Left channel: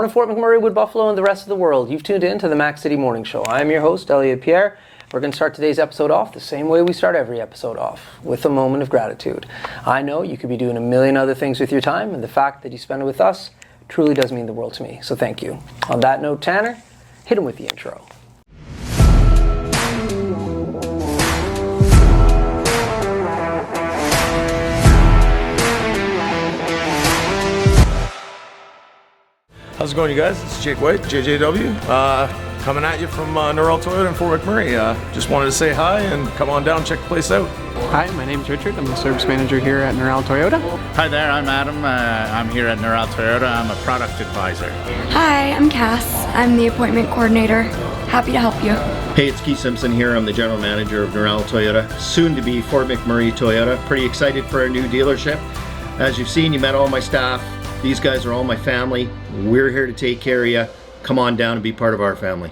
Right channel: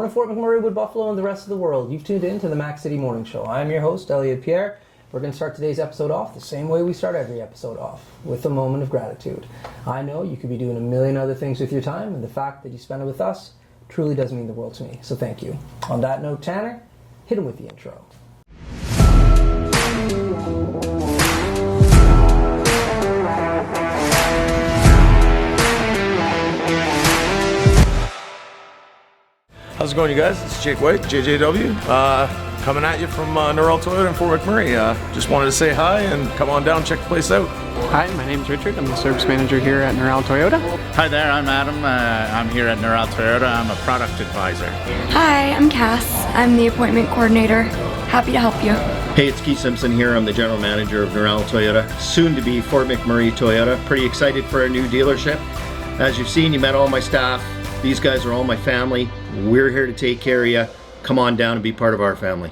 Morning, Fort McMurray, Wood Buffalo, and the rest of the world. You've tuned in to the Mac City Morning Show. I'm your host, Elliot Pierre. We're going to start today's episode off the same way we start every episode off, with a moment of gratitude. I know you could be doing a million other things with your time, and the fact that you spend it with us truly does mean the world to me, so thank you. On that note, Tanner, hit him with the intro. How's it going, you guys? It's Jake White, JJW, coming at you from Manuel Toyota in Fort McMurray. Just wanted to say hi and come on down, check the place out. Hi, my name's Richard. I'm the service manager here at Manuel Toyota. Hi there, I'm Adam. I'm here at Manuel Toyota. I'm a product advisor. Hi, I'm Cass. I'm the appointment coordinator. Happy to help you. Hey, it's Keith Simpson here. I'm the general manager of Manuel Toyota, soon to be Fort McMurray Toyota. Pretty excited for our new dealership. As you've seen, you met all my staff. These guys are all my family. We're here to take care of you. Come on down and be part of our family.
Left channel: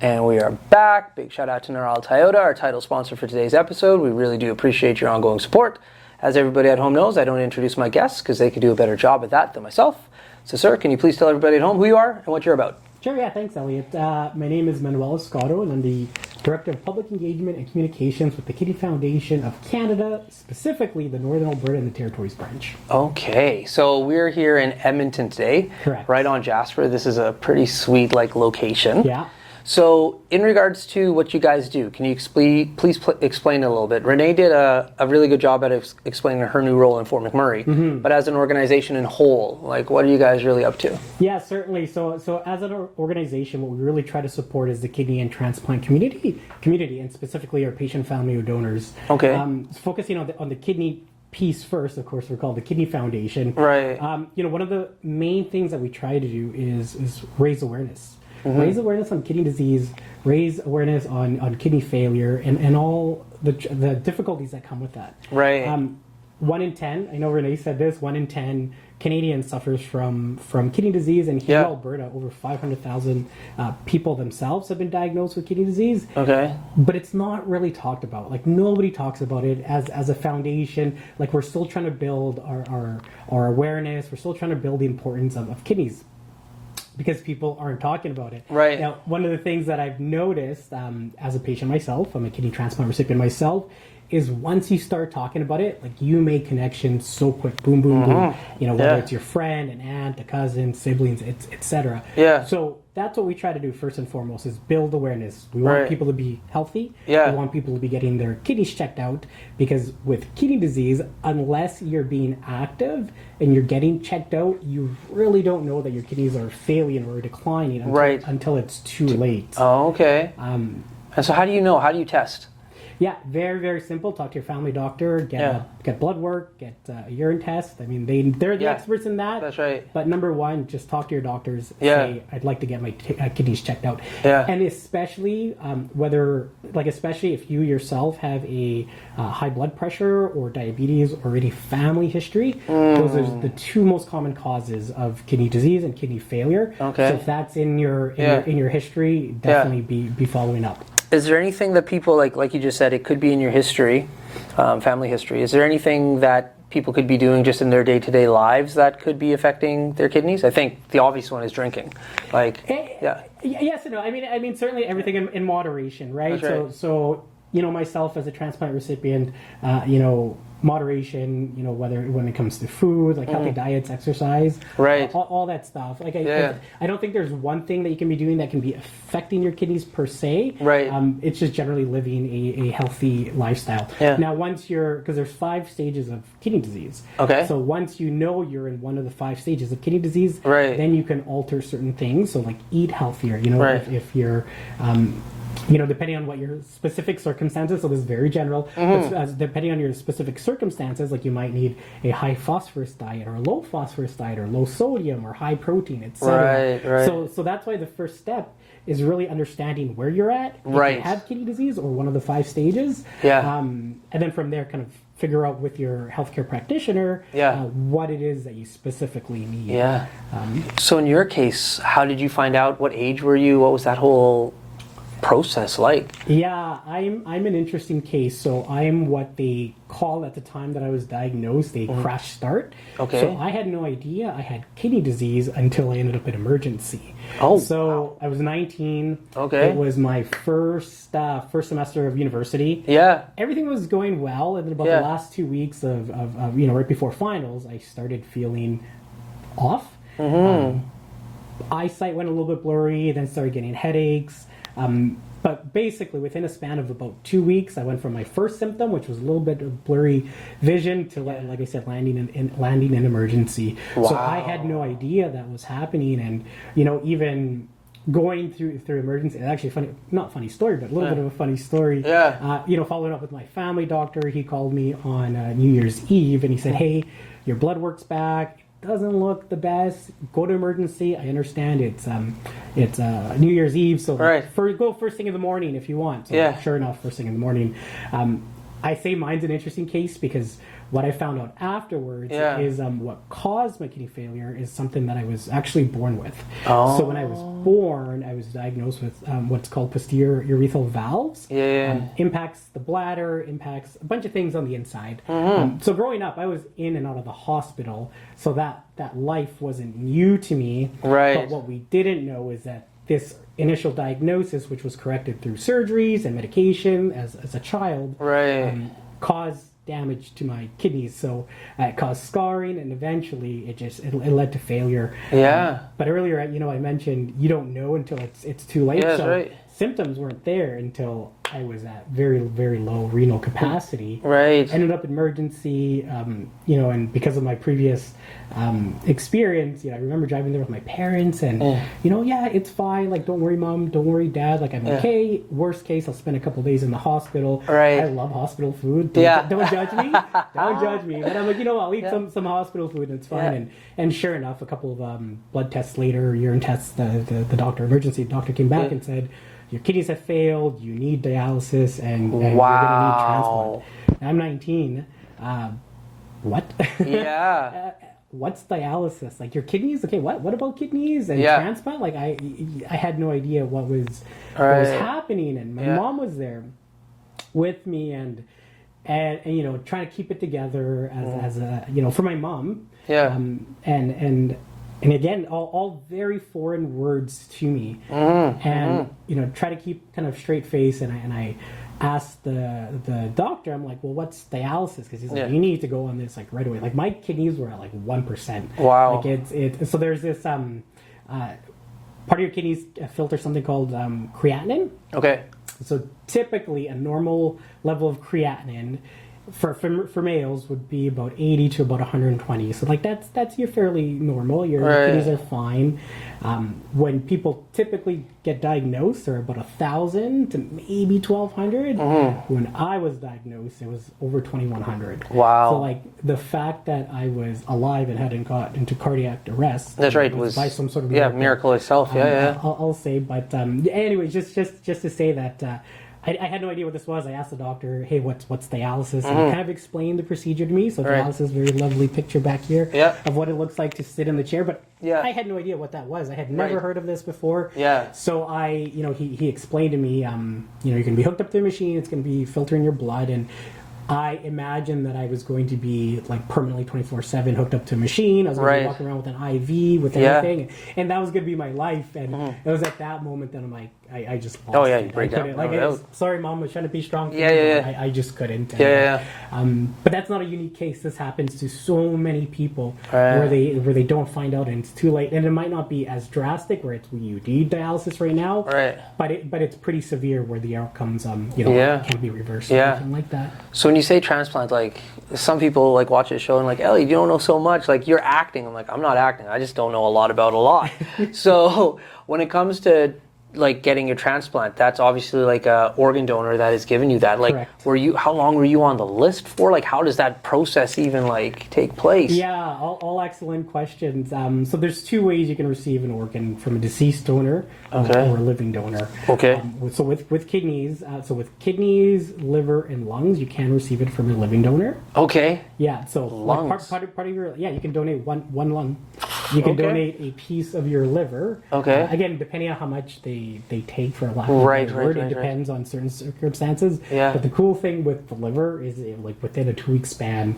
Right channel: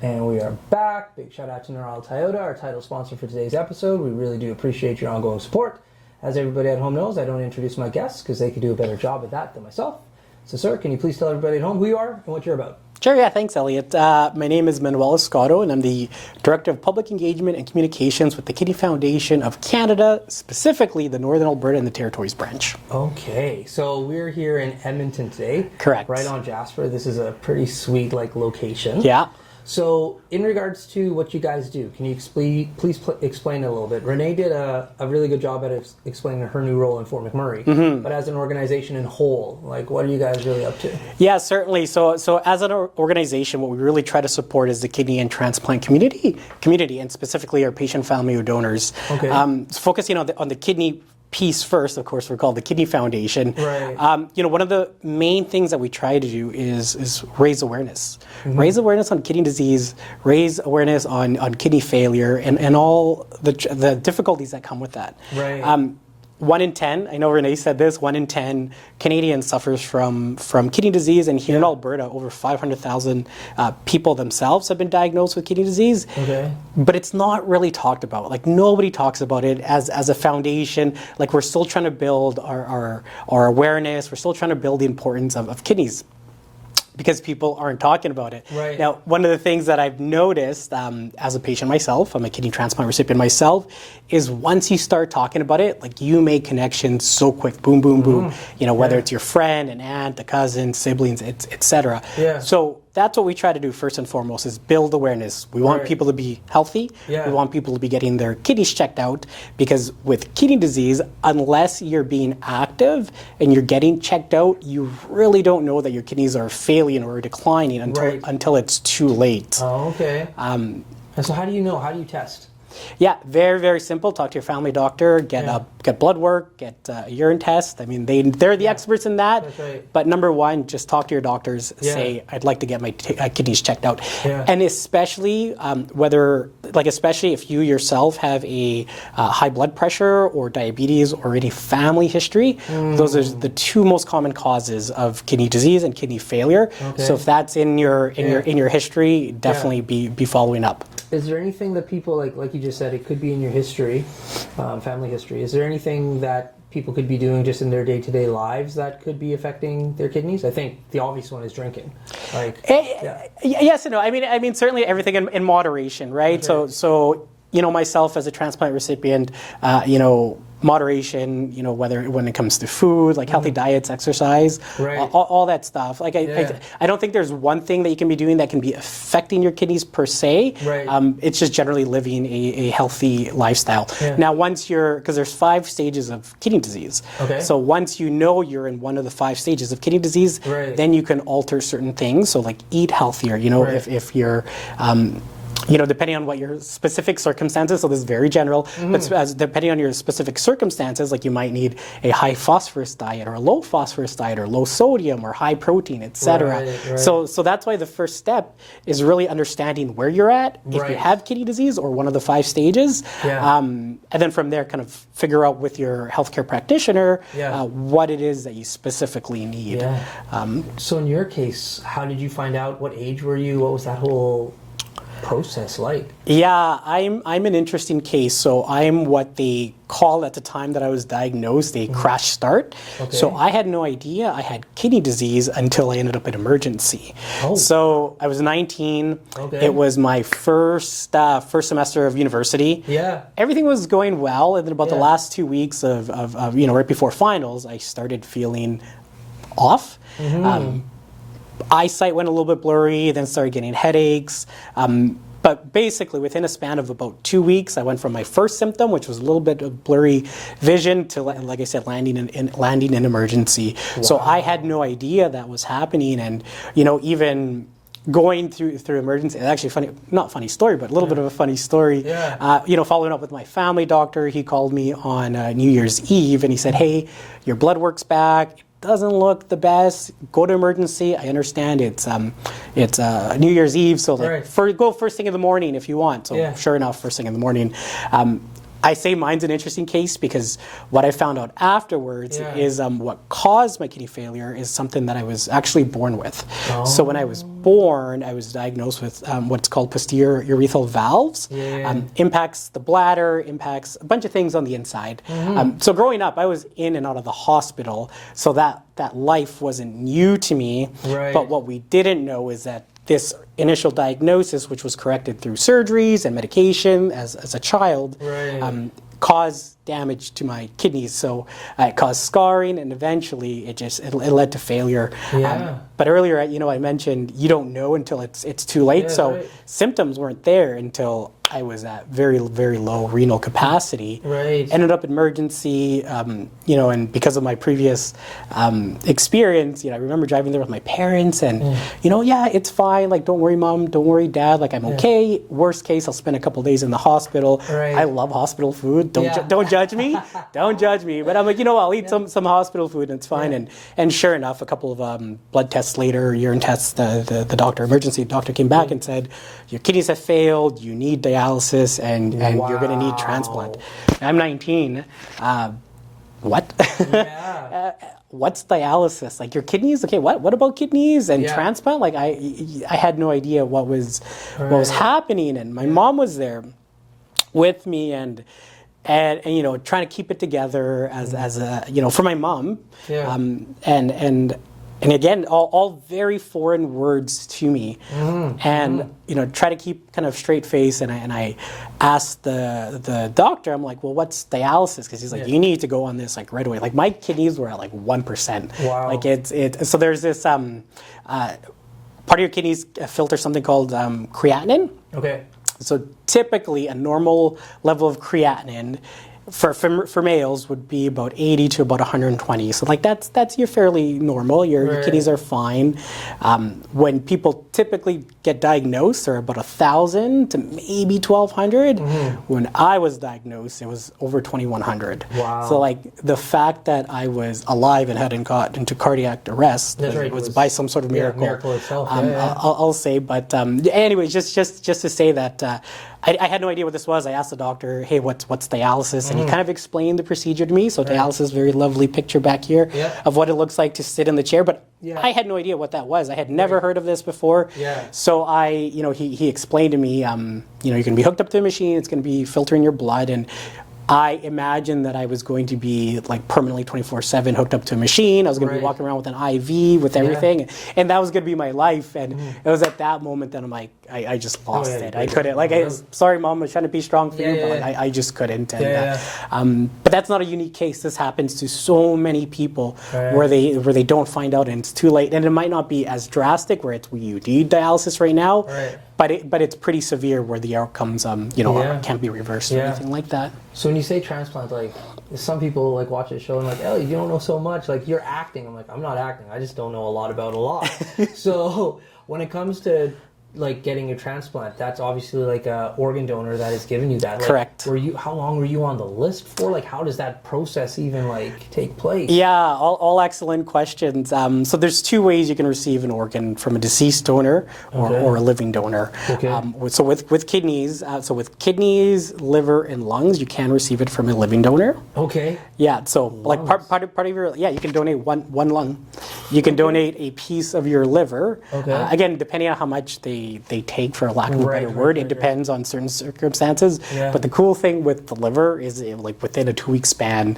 And we are back. Big shout out to Manuel Toyota, our title sponsor for today's episode. We really do appreciate your ongoing support. As everybody at home knows, I don't introduce my guests because they could do a better job at that than myself. So, sir, can you please tell everybody at home who you are and what you're about? Sure, yeah, thanks, Elliot. My name is Manuel Escoto, and I'm the Director of Public Engagement and Communications with the Kidney Foundation of Canada, specifically the Northern Alberta and the Territories branch. Okay, so we're here in Edmonton today. Correct. Right on Jasper. This is a pretty sweet location. Yeah. So in regards to what you guys do, can you please explain a little bit? Renee did a really good job at explaining her new role in Fort McMurray, but as an organization in whole, what are you guys really up to? Yeah, certainly. So as an organization, what we really try to support is the kidney and transplant community, and specifically our patient, family, or donors. Okay. Focusing on the kidney piece first, of course, we're called the Kidney Foundation. Right. One of the main things that we try to do is raise awareness. Raise awareness on kidney disease, raise awareness on kidney failure, and all the difficulties that come with that. Right. 1 in 10, I know Renee said this, 1 in 10 Canadians suffers from kidney disease, and here in Alberta, over 500,000 people themselves have been diagnosed with kidney disease. Okay. But it's not really talked about. Nobody talks about it as a foundation. We're still trying to build our awareness. We're still trying to build the importance of kidneys, because people aren't talking about it. Right. Now, one of the things that I've noticed as a patient myself, I'm a kidney transplant recipient myself, is once you start talking about it, you make connections so quick, boom, boom, boom. Whether it's your friend, an aunt, a cousin, siblings, etc. Yeah. So that's what we try to do first and foremost, is build awareness. We want people to be healthy. Yeah. We want people to be getting their kidneys checked out, because with kidney disease, unless you're being active and you're getting checked out, you really don't know that your kidneys are failing or declining until it's too late. Oh, okay. And so how do you know? How do you test? Yeah, very, very simple. Talk to your family doctor, get blood work, get a urine test. I mean, they're the experts in that. That's right. But number one, just talk to your doctors. Say, I'd like to get my kidneys checked out. Yeah. And especially especially if you yourself have a high blood pressure or diabetes or any family history, those are the two most common causes of kidney disease and kidney failure. Okay. So if that's in your history, definitely be following up. Is there anything that people, like you just said, it could be in your history, family history. Is there anything that people could be doing just in their day-to-day lives that could be affecting their kidneys? I think the obvious one is drinking. Yes and no. I mean, certainly everything in moderation, right? That's right. So myself as a transplant recipient, moderation, when it comes to food, healthy diets, exercise, Right. all that stuff. I don't think there's one thing that you can be doing that can be affecting your kidneys per se. Right. It's just generally living a healthy lifestyle. Yeah. Now, because there's 5 stages of kidney disease. Okay. So once you're in one of the 5 stages of kidney disease, Right. then you can alter certain things. So eat healthier. Right. If you're depending on what your specific circumstances, so this is very general, but depending on your specific circumstances, you might need a high phosphorus diet or a low phosphorus diet or low sodium or high protein, etc. Right. So that's why the first step is really understanding where you're at, if Right. you have kidney disease or one of the 5 stages, and then from there kind of figure out with your healthcare practitioner what it is that you specifically need. Yeah. So in your case, how did you find out? What age were you? What was that whole process like? Yeah, I'm an interesting case. So I'm what they called at the time that I was diagnosed a crash start. Okay. So I had no idea I had kidney disease until I ended up in emergency. Oh. So I was 19. Okay. It was my first semester of university. Yeah. Everything was going well, and then about Yeah. the last 2 weeks of right before finals, I started feeling off. Eyesight went a little bit blurry, then started getting headaches. But basically, within a span of about 2 weeks, I went from my first symptom, which was a little bit of blurry vision, to, like I said, landing in emergency. So I had no idea that was happening, and even going through emergency. It's actually not funny story, but a little bit of a funny story. Yeah. Following up with my family doctor, he called me on New Year's Eve, and he said, "Hey, your blood work's back. Doesn't look the best. Go to emergency. I understand it's New Year's Eve, so go first thing in the morning if you want." So sure enough, first thing in the morning. I say mine's an interesting case because what I found out afterwards is what caused my kidney failure is something that I was actually born with. Oh. So when I was born, I was diagnosed with what's called posterior urethral valves. Impacts the bladder, impacts a bunch of things on the inside. So growing up, I was in and out of the hospital, so that life wasn't new to me. Right. But what we didn't know is that this initial diagnosis, which was corrected through surgeries and medication as a child, caused damage to my kidneys. So it caused scarring, and eventually it led to failure. But earlier, I mentioned you don't know until it's too late. So symptoms weren't there until I was at very, very low renal capacity. Ended up in emergency, and because of my previous experience, I remember driving there with my parents and, it's fine. Like, don't worry, Mom. Don't worry, Dad. Like, I'm okay. Worst case, I'll spend a couple days in the hospital. I love hospital food. Don't judge me. Don't judge me. But I'm like, I'll eat some hospital food and it's fine. And sure enough, a couple of blood tests later, urine tests, the emergency doctor came back and said, your kidneys have failed, you need dialysis, and you're going to need transplant. I'm 19. What? What's dialysis? Like, your kidneys? Okay, what about kidneys and transplant? Like, I had no idea what was happening, and my mom was there with me, and trying to keep it together as a for my mom. And again, all very foreign words to me, and try to keep kind of straight face. And I asked the doctor, I'm like, well, what's dialysis? Because he's like, you need to go on this like right away. Like, my kidneys were at like 1%. Wow. Like so there's this part of your kidneys filter something called creatinine. Okay. So typically a normal level of creatinine for males would be about 80 to about 120. So like that's you're fairly normal. Your kidneys are fine. When people typically get diagnosed, they're about 1,000 to maybe 1,200. When I was diagnosed, it was over 2,100. Wow. So like the fact that I was alive and hadn't got into cardiac arrest was by some sort of miracle. Miracle itself. I'll say, but anyway, just to say that. I had no idea what this was. I asked the doctor, hey, what's dialysis? And he kind of explained the procedure to me. So dialysis, very lovely picture back here of what it looks like to sit in the chair. But I had no idea what that was. I had never heard of this before. So he explained to me, you're going to be hooked up to a machine. It's going to be filtering your blood. And I imagined that I was going to be like permanently 24/7 hooked up to a machine. I was going to be walking around with an IV, with everything, and that was going to be my life. And it was at that moment that I'm like, I just lost it. I couldn't. Like, sorry, Mom, I was trying to be strong for you, but I just couldn't. But that's not a unique case. This happens to so many people where they don't find out and it's too late. And it might not be as drastic where you need dialysis right now, but it's pretty severe where the outcomes can't be reversed or anything like that. So when you say transplant, like, some people like watch this show and like, Ellie, you don't know so much. Like, you're acting. I'm like, I'm not acting. I just don't know a lot about a lot. So when it comes to like getting your transplant, that's obviously like a organ donor that has given you that. Like, correct. How long were you on the list for? Like, how does that process even like take place? Yeah, all excellent questions. So there's two ways you can receive an organ: from a deceased donor or a living donor. So with kidneys, liver, and lungs, you can receive it from a living donor. Yeah. So lungs. Like part of your you can donate one lung. You can donate a piece of your liver. Again, depending on how much they they take, for lack of a better word. It depends on certain circumstances. Yeah. But the cool thing with the liver is like within a 2-week span,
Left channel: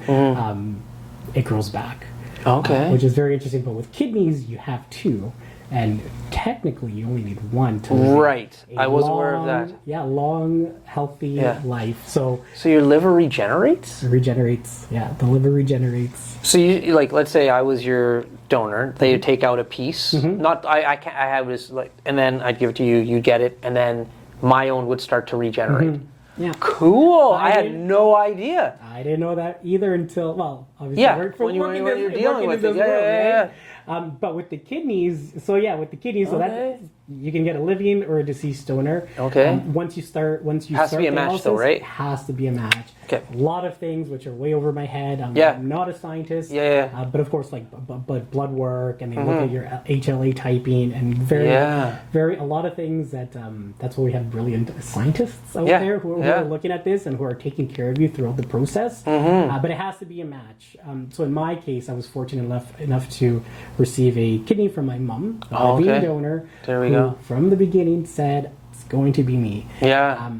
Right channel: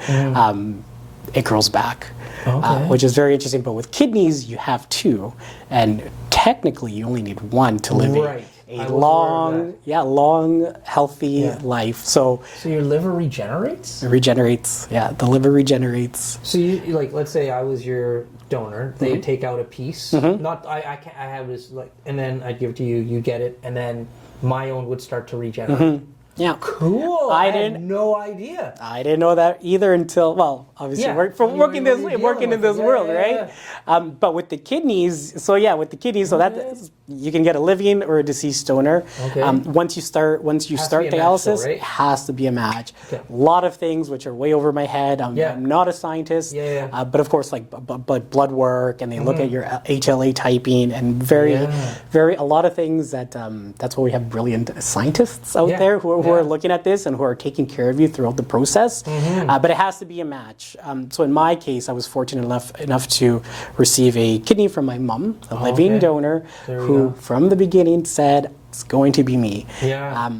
it grows back. Okay. Which is very interesting. But with kidneys, you have 2, and technically you only need 1 to live Right. I was aware of that. Yeah, long, healthy life. So your liver regenerates? it regenerates. Yeah, the liver regenerates. So you, like, let's say I was your donor, they would take out a piece. Not I can't, I have this, like, and then I'd give it to you, you get it, and then my own would start to regenerate. Yeah. Cool. I had didn't- no idea. I didn't know that either until, well, obviously Yeah, from when you- working when you're dealing in with this it. Yeah, world, yeah, right? But with the kidneys, so that you can get a living or a deceased donor. Okay. Once you start Has to be a match dialysis, though, right? it has to be a match. Okay. A lot of things which are way over my head. I'm not a scientist. Yeah. But of course, like but blood work, and they look at your HLA typing, and very a lot of things that that's why we have brilliant scientists out there who are looking at this and who are taking care of you throughout the process. But it has to be a match. So in my case, I was fortunate enough to receive a kidney from my mom, a living donor, who from the beginning said, it's going to be me. Yeah.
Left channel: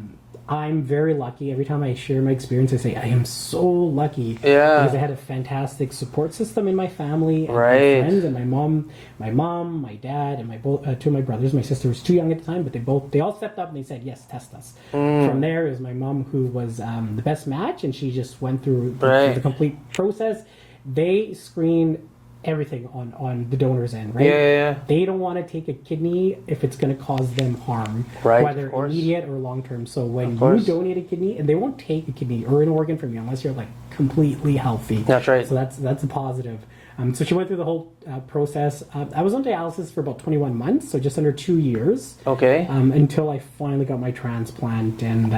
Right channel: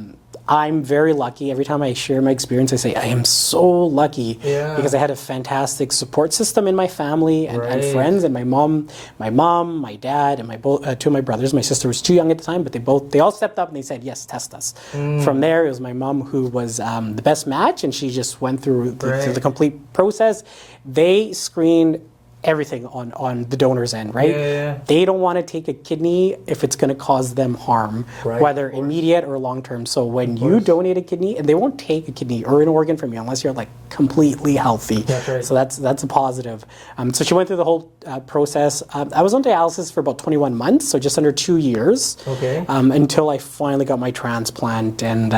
I'm very lucky. Every time I share my experience, I say I am so lucky because I had a fantastic support system in my family and friends, and my mom, my dad, and 2 of my brothers. My sister was too young at the time, but they all stepped up and they said, yes, test us. From there, it was my mom who was the best match, and she just went through the complete process. They screened everything on the donor's end, right? They don't want to take a kidney if it's going to cause them harm, whether immediate or long term. So when you donate a kidney, and they won't take a kidney or an organ from you unless you're like completely healthy. That's right. So that's a positive. So she went through the whole process. I was on dialysis for about 21 months, so just under 2 years. Okay. Until I finally got my transplant, and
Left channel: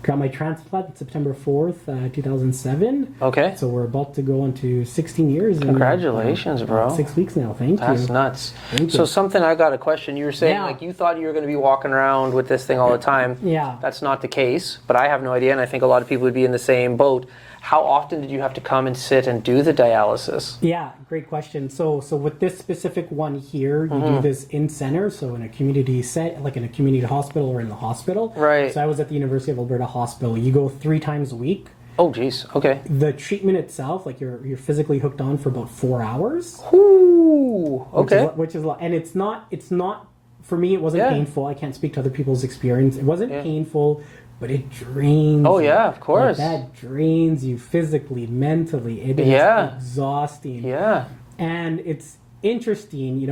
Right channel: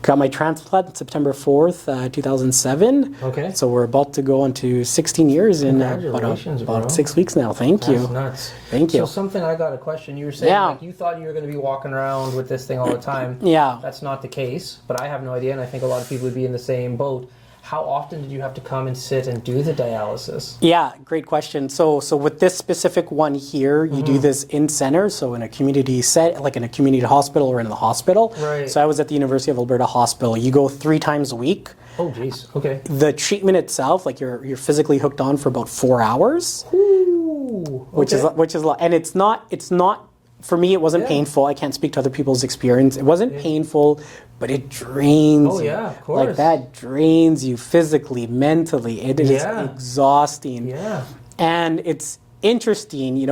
got my transplant September 4th, 2007. Okay. So we're about to go on to 16 years. Congratulations, about bro. 6 weeks now. Thank you. That's nuts. Thank you. So something, I got a question. You were saying like you thought you were going to be walking around with this thing all the time. Yeah. That's not the case, but I have no idea, and I think a lot of people would be in the same boat. How often did you have to come and sit and do the dialysis? Yeah, great question. So with this specific one here, you do this in center, so in a community set, like in a community hospital or in the hospital. Right. So I was at the University of Alberta Hospital. You go 3 times a week. Oh, geez. Okay. The treatment itself, like you're physically hooked on for about 4 hours. Ooh. Okay. Which is a lot. And it's not for me, it wasn't painful. I can't speak to other people's experience. It wasn't painful, but it drains you. Yeah, of course. Like that drains you physically, mentally. It is exhausting. Yeah. And it's interesting,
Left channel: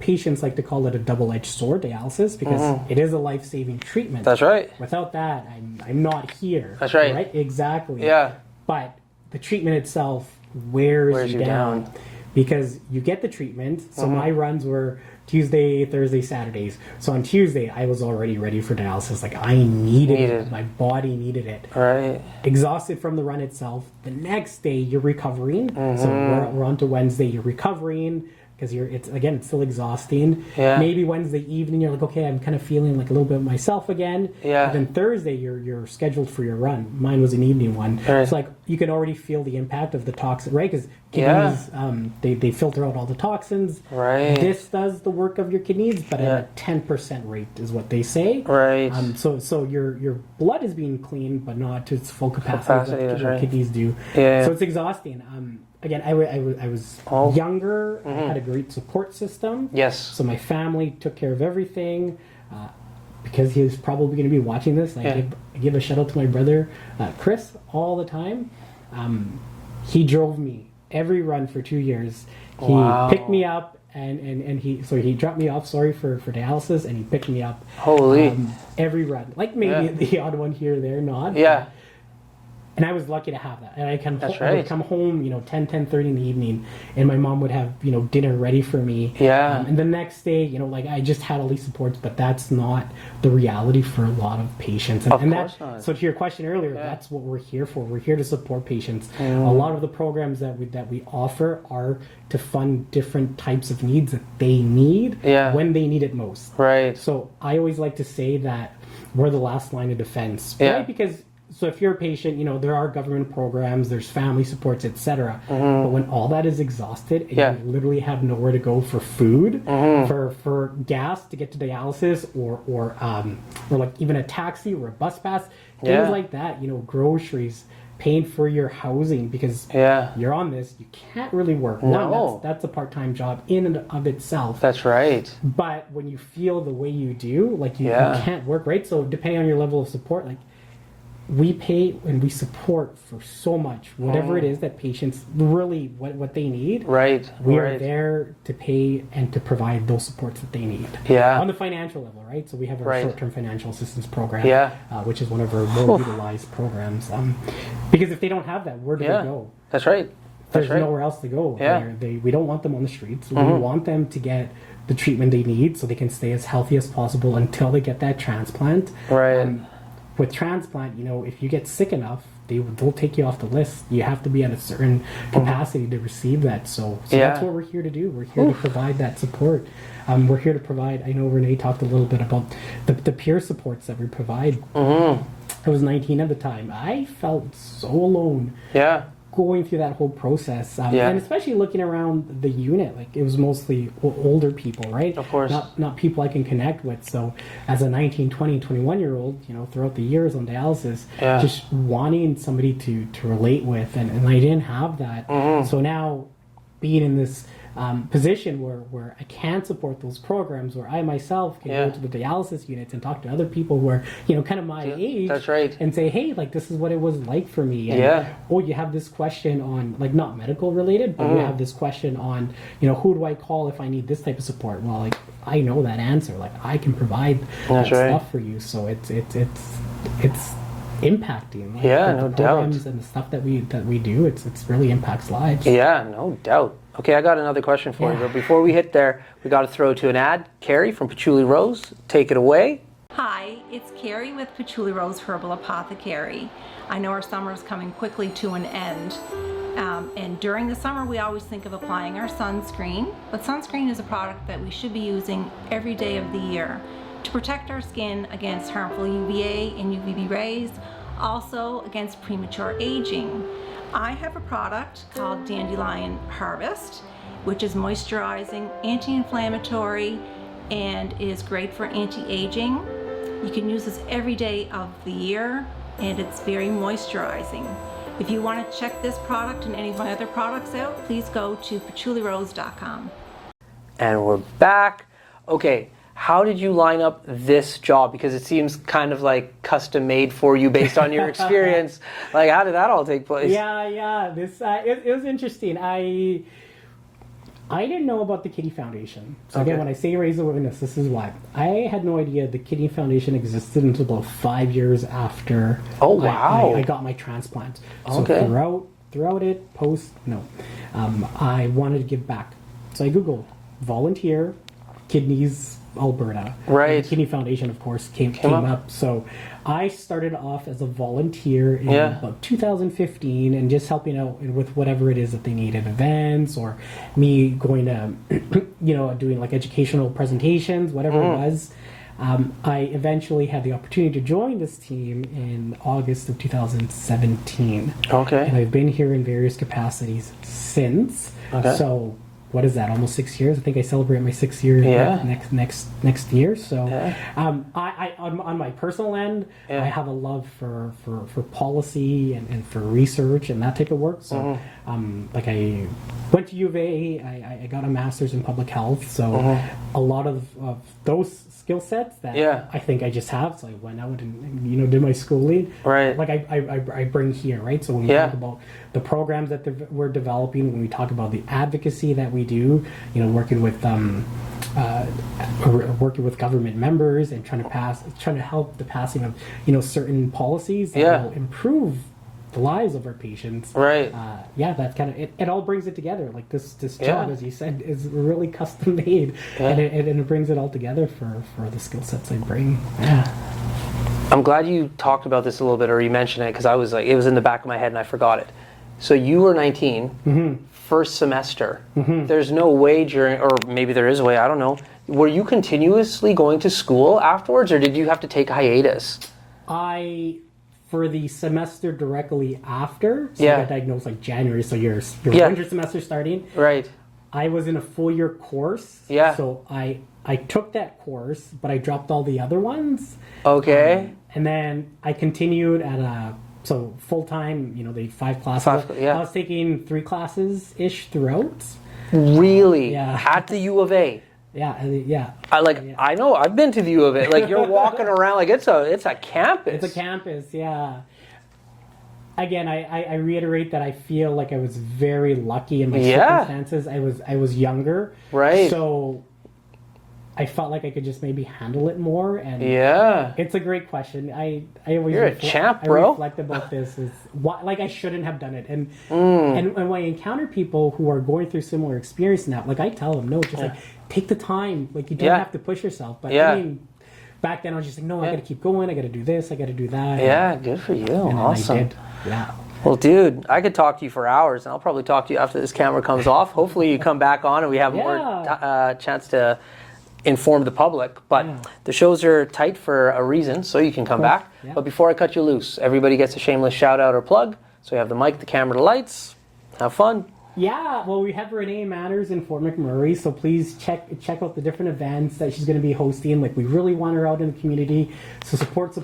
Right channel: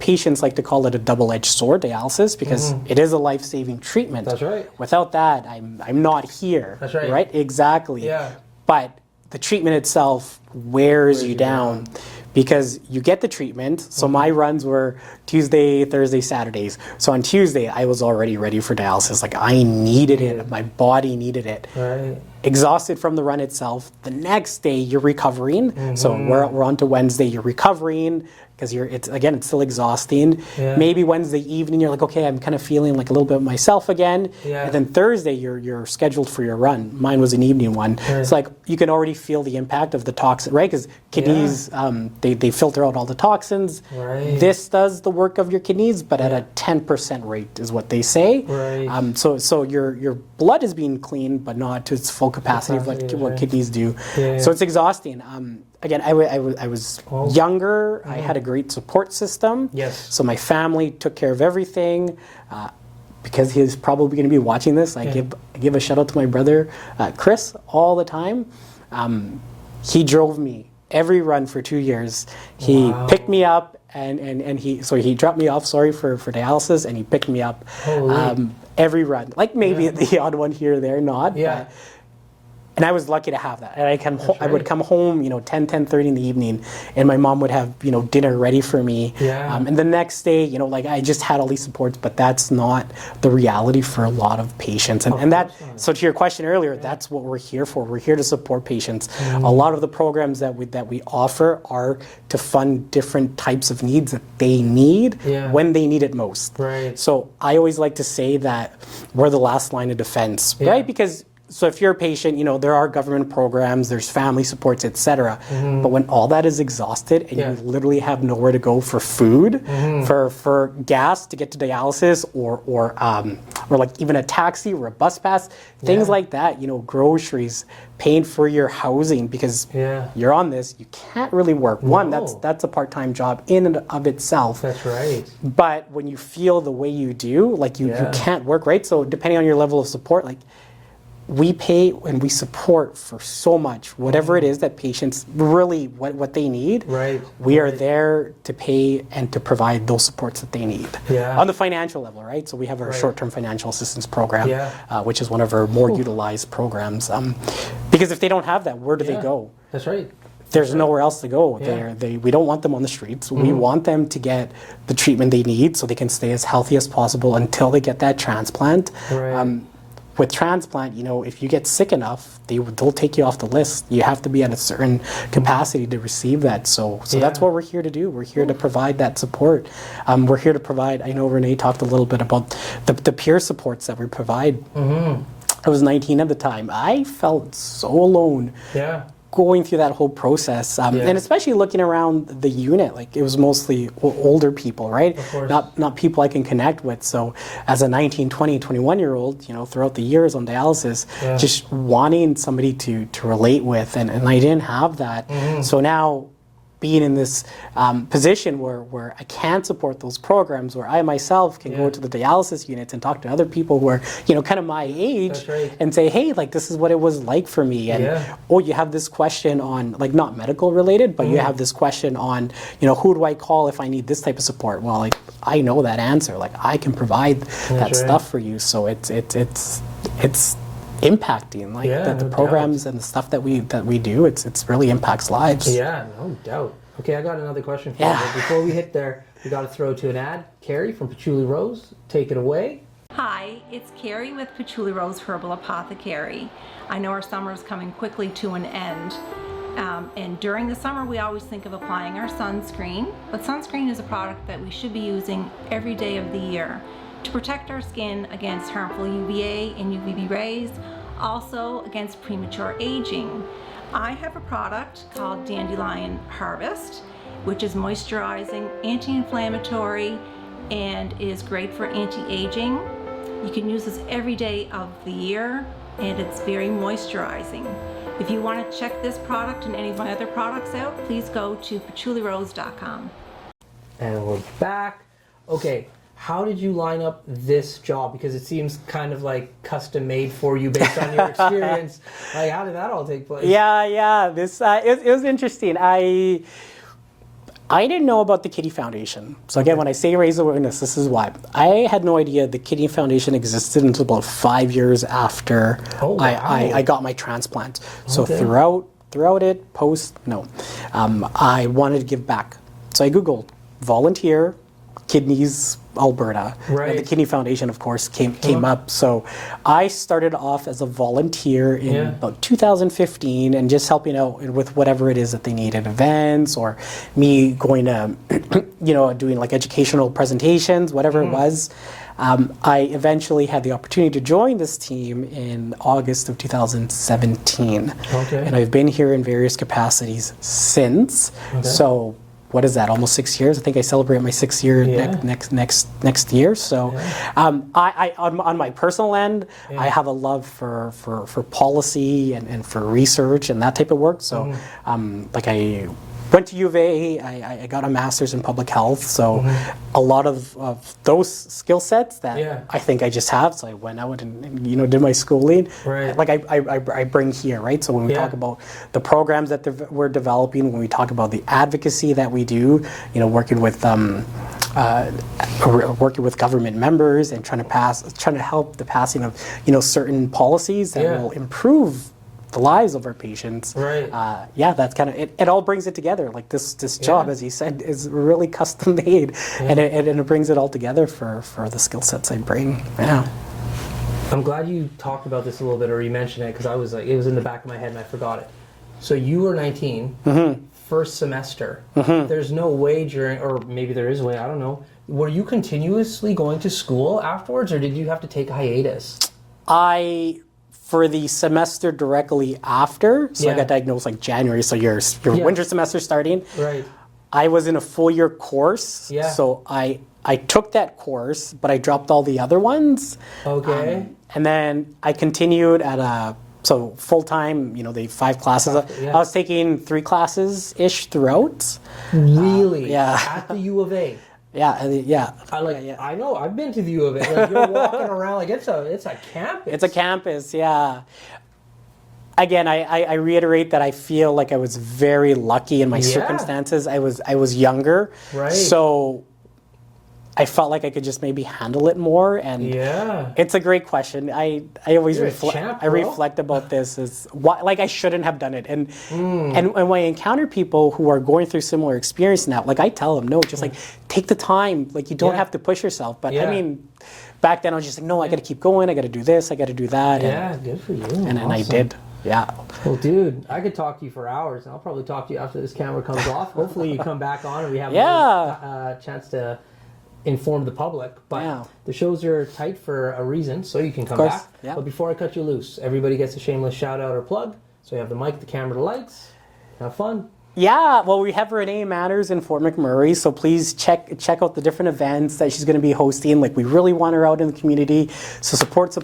patients like to call it a double-edged sword, dialysis, because it is a life-saving treatment. That's right. Without that, I'm not here. That's right. Right? Exactly. Yeah. But the treatment itself wears you down. Because you get the treatment. So my runs were Tuesday, Thursday, Saturdays. So on Tuesday, I was already ready for dialysis. Like I needed it. My body needed it. Right. Exhausted from the run itself. The next day, you're recovering. So we're on to Wednesday. You're recovering because it's still exhausting. Yeah. Maybe Wednesday evening, you're like, okay, I'm kind of feeling like a little bit of myself again. Yeah. And then Thursday, you're scheduled for your run. Mine was an evening one. Right. It's like you can already feel the impact of the toxin, right? Because kidneys, they filter out all the toxins. Right. This does the work of your kidneys, but at a 10% rate is what they say. Right. So your blood is being cleaned, but not to its full capacity of what kidneys do. Yeah. So it's exhausting. Again, I was younger. I had a great support system. Yes. So my family took care of everything. Because he's probably going to be watching this, I give a shout out to my brother, Chris, all the time. He drove me every run for 2 years. He picked me up and he dropped me off, for dialysis, and he picked me up every run. Like maybe the odd one here or there, not. Yeah. And I was lucky to have that. And I would come home, 10:30 in the evening, and my mom would have, dinner ready for me. Yeah. And the next day, I just had all these supports, but that's not the reality for a lot of patients. So to your question earlier, that's what we're here for. We're here to support patients. A lot of the programs that we offer are to fund different types of needs that they need when they need it most. Right. So I always like to say that we're the last line of defense, right? Because So if you're a patient, there are government programs, there's family supports, etc. But when all that is exhausted and you literally have nowhere to go for food, for gas to get to dialysis, or like even a taxi or a bus pass, things like that, groceries, paying for your housing because you're on this, you can't really work. One, that's a part-time job in and of itself. That's right. But when you feel the way you do, like you can't work, right? So depending on your level of support, like we pay and we support for so much, whatever it is that patients really what they need. Right. We are there to pay and to provide those supports that they need. Yeah. On the financial level, right? So we have our short-term financial assistance program, which is one of our more utilized programs. Because if they don't have that, where do they go? That's right. There's nowhere else to go. Yeah. We don't want them on the streets. We want them to get the treatment they need so they can stay as healthy as possible until they get that transplant. Right. With transplant, if you get sick enough, they'll take you off the list. You have to be at a certain capacity to receive that. So that's what we're here to do. We're here to provide that support. We're here to provide, I know Renee talked a little bit about the peer supports that we provide. I was 19 at the time. I felt so alone. Yeah. Going through that whole process, and especially looking around the unit, like it was mostly older people, right? Of course. Not people I can connect with. So as a 19, 20, 21-year-old, throughout the years on dialysis, just wanting somebody to relate with, and I didn't have that. So now being in this position where I can support those programs, where I myself can go to the dialysis units and talk to other people who are, kind of my age, and say, hey, like this is what it was like for me. And you have this question on, like not medical related, but you have this question on, who do I call if I need this type of support? Well, like I know that answer. Like I can provide that stuff for you. So it's impacting the programs and the stuff that we do. It's really impacts lives. Yeah, no doubt. Okay, I got another question for you, but before we hit there, we got to throw to an ad. Carrie from Patchouli Rose, take it away. Hi, it's Carrie with Patchouli Rose Herbal Apothecary. I know our summer is coming quickly to an end. And during the summer, we always think of applying our sunscreen, but sunscreen is a product that we should be using every day of the year to protect our skin against harmful UVA and UVB rays, also against premature aging. I have a product called Dandelion Harvest, which is moisturizing, anti-inflammatory, and is great for anti-aging. You can use this every day of the year, and it's very moisturizing. If you want to check this product and any of my other products out, please go to patchoulirose.com. And we're back. Okay. How did you line up this job? Because it seems kind of like custom made for you based on your experience. Like, how did that all take place? Yeah. This it was interesting. I didn't know about the Kidney Foundation. So again, when I say raise awareness, this is why. I had no idea the Kidney Foundation existed until about 5 years after I got my transplant. So throughout it, I wanted to give back. So I Googled volunteer kidneys Alberta. Right. And the Kidney Foundation, of course, came up. So I started off as a volunteer in about 2015 and just helping out with whatever it is that they needed, events or me going to, doing like educational presentations, whatever it was. I eventually had the opportunity to join this team in August of 2017. Okay. And I've been here in various capacities since. Okay. So what is that? Almost 6 years. I think I celebrate my 6th year next year. So, I on my personal end, I have a love for policy and for research and that type of work. So, like I went to U of A. I got a master's in public health. So, a lot of those skill sets that I think I just have. So I went out and did my schooling. Right. Like I bring here, right. So when we talk about the programs that we're developing, when we talk about the advocacy that we do, working with government members and trying to help the passing of certain policies that will improve the lives of our patients. Right. That's kind of it. All brings it together. Like this job, as you said, is really custom made, and it brings it all together for the skill sets I bring. Yeah. I'm glad you talked about this a little bit, or you mentioned it, because I was like, it was in the back of my head and I forgot it. So you were 19. First semester. There's no way during, or maybe there is a way, I don't know. Were you continuously going to school afterwards, or did you have to take a hiatus? for the semester directly after, so I Yeah. got diagnosed like January, so your Yeah. winter semester starting. Right. I was in a full year course, Yeah. so I took that course, but I dropped all the other ones. Okay. And then I continued at so full time, the 5 classes. Yeah. I was taking 3 classes ish throughout. Really? yeah. At the U of A. Yeah. I know. I've been to the U of A. Like you're walking around like it's a campus. It's a campus, yeah. Again, I reiterate that I feel like I was very lucky in my circumstances. I was younger, Right. So I felt like I could just maybe handle it more. And Yeah. it's a great question. I always You're a champ, bro. reflect about this is why, like I shouldn't have done it. And when I encounter people who are going through similar experience now, like I tell them, no, just like take the time. Like you don't Yeah. have to push yourself. But Yeah. I mean, back then I was just like, no, I got to keep going. I got to do this. I got to do that. Yeah. Good for you. And then Awesome. I did. Yeah. Well, dude, I could talk to you for hours, and I'll probably talk to you after this camera comes off. Hopefully, you come back on and we have more chance to inform the public. But Yeah. the shows are tight for a reason, so you can come course, back. yeah. But before I cut you loose, everybody gets a shameless shout out or plug. So you have the mic, the camera, the lights. Have fun. Yeah, well, we have Renee Manners in Fort McMurray, so please check out the different events that she's going to be hosting. Like, we really want her out in the community, so support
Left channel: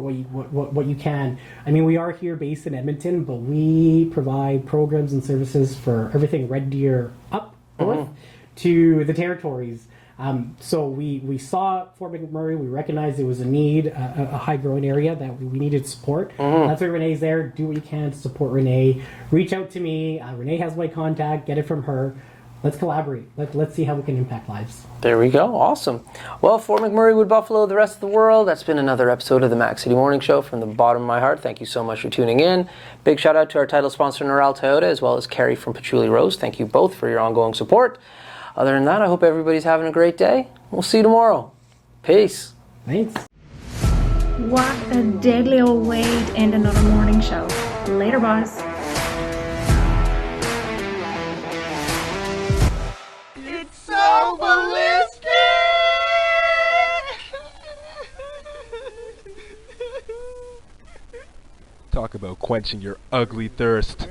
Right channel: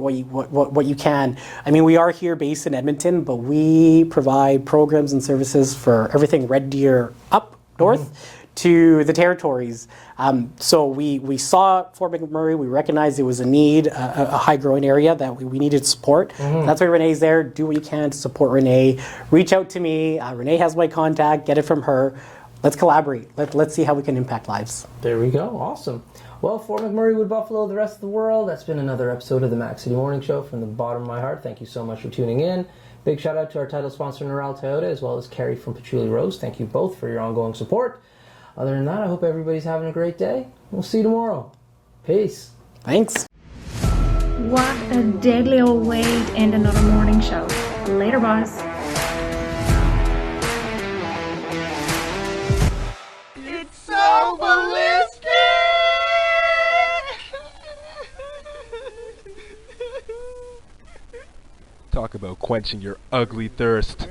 what you can. I mean, we are here based in Edmonton, but we provide programs and services for everything Red Deer up north to the territories. So we saw Fort McMurray, we recognized it was a need, a high growing area that we needed support. That's why Renee's there. Do what you can to support Renee. Reach out to me. Renee has my contact. Get it from her. Let's collaborate. Let's see how we can impact lives. There we go. Awesome. Well, Fort McMurray, Wood Buffalo, the rest of the world, that's been another episode of the Mac City Morning Show. From the bottom of my heart, thank you so much for tuning in. Big shout out to our title sponsor, Neural Toyota, as well as Carrie from Patchouli Rose. Thank you both for your ongoing support. Other than that, I hope everybody's having a great day. We'll see you tomorrow. Peace. Thanks. What a deadly old way to end another morning show. Later, boys. It's so ballistic! Talk about quenching your ugly thirst.